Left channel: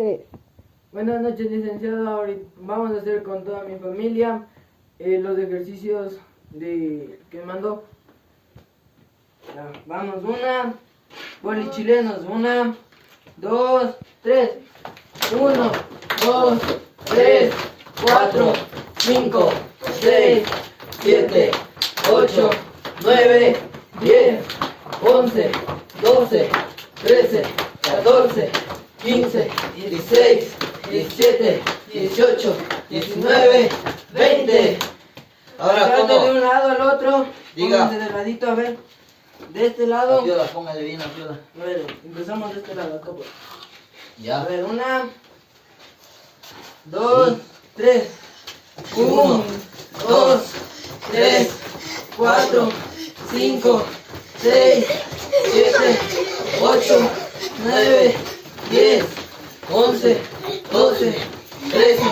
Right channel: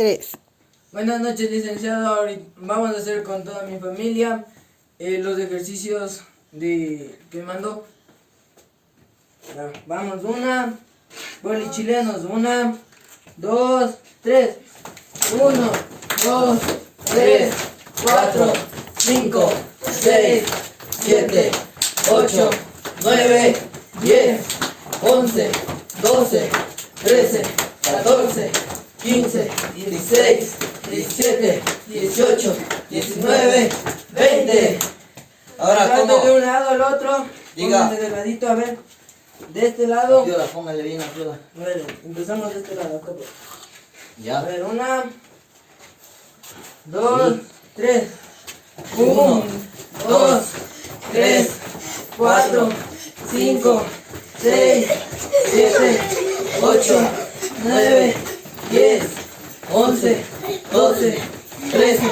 3. Buenas noches, licenciado. Ahorita vamos a hacer con toda mi familia los ejercicios que mandó. Vamos, una, boli chilenos, 1, 2, 3. 1, 2, 3, 4, 5, 6, 7, 8, 9, 10, 11, 12, 13, 14, 15, 16, 17, 18, 19, 20. Ahora, ¿cómo? De un lado al otro. Diga. Pónganse de ladito, a ver. De este lado. Ayuda, póngale bien ayuda. A ver, empezamos de este lado, acá pues. Ya. A ver, 1, 2, 3. 1, 2, 3, 4, 5, 6, 7, 8, 9, 10, 11, 12, 13,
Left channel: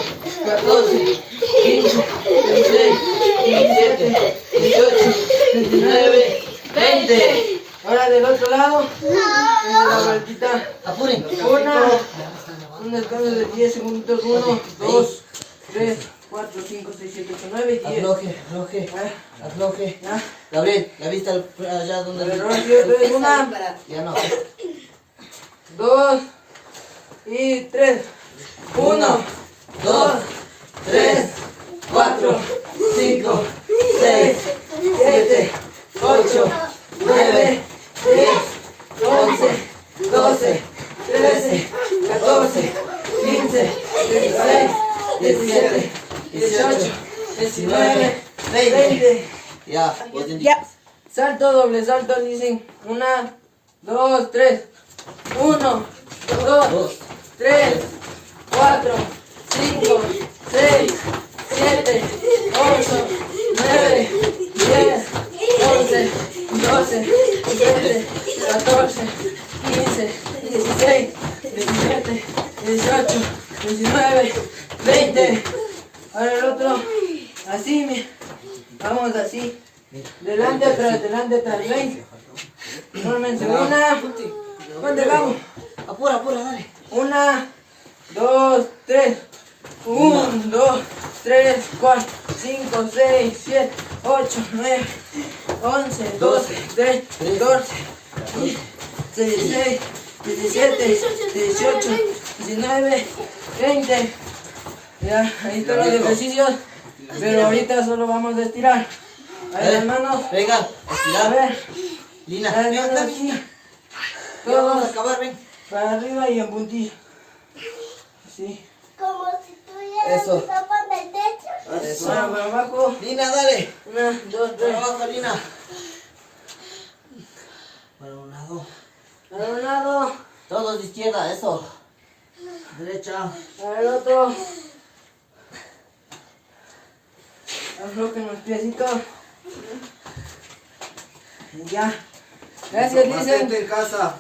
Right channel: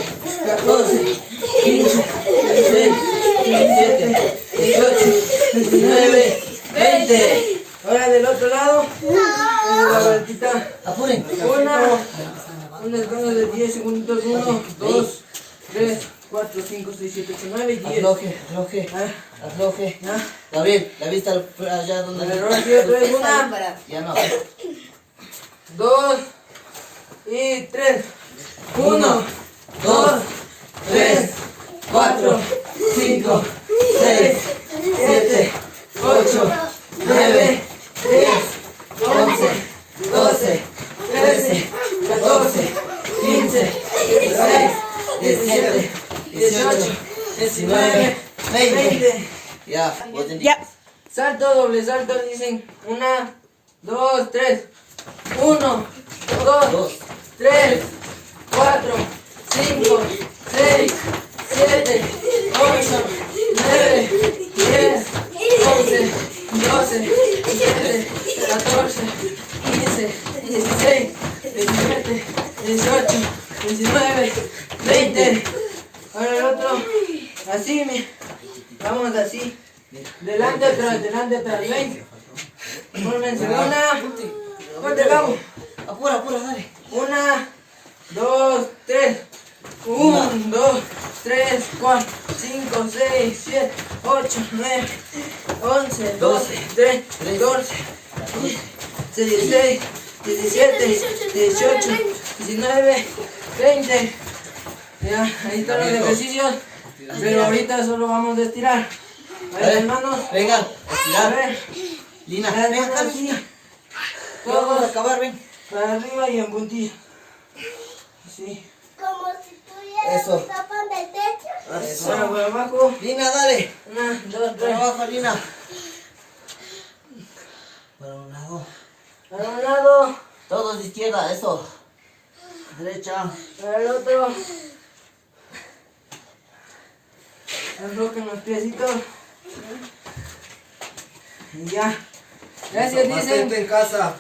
14, 15, 16, 17, 18, 19, 20. Ahora del otro lado, la vueltita. Apuren. Un descanso de 10 segundos. 1, 2, 3, 4, 5, 6, 7, 8, 9 y 10. Afloje. Afloje. Ya. Gabriel, la vista allá donde... A ver, ahora sí, otra vez, 1, Ya no. 2 y 3. 1, 2, 3, 4, 5, 6, 7, 8, 9, 10, 11, 12, 13, 14, 15, 16, 17, 18, 19, 20. Ya, vos te Ya. Salto, doble salto, dicen. 1, 2, 3. 1, 2, 3, 4, 5, 6, 7, 8, 9, 10, 11, 12, 13, 14, 15, 16, 17, 18, 19, 20. Ahora el otro, así, vamos así. Delante, atrás, 20. Fórmense, 1, ¿dónde vamos? Apura, dale. 1, 2, 3. 1, 2, 3, 4, 5, 6, 7, 8, 9, 11, 12, 13, 14, 15, 16, 17, 18, 19, 20. Ya, ahí están los ejercicios. Pero ahorita solo vamos a estirar. Ahí las manos. Venga, A estirar. ver. Lina, Las ven manos acá, así. Lina. Ya vamos a Todos acabar, ven. para arriba y en puntillo. Sí. Como si tuvieras Eso. un tapa en el techo. Eso. Ahora para abajo. Lina, dale. 1, 2, 3. Para abajo, Lina. Para un lado. Para un lado. Todos de izquierda, eso. Derecha. Para el otro. Aflojen los piecitos. Y ya. Gracias, dicen. Mantente en casa.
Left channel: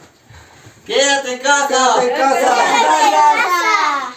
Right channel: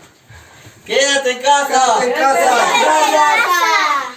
Quédate en casa. Quédate en casa. ¡Casa!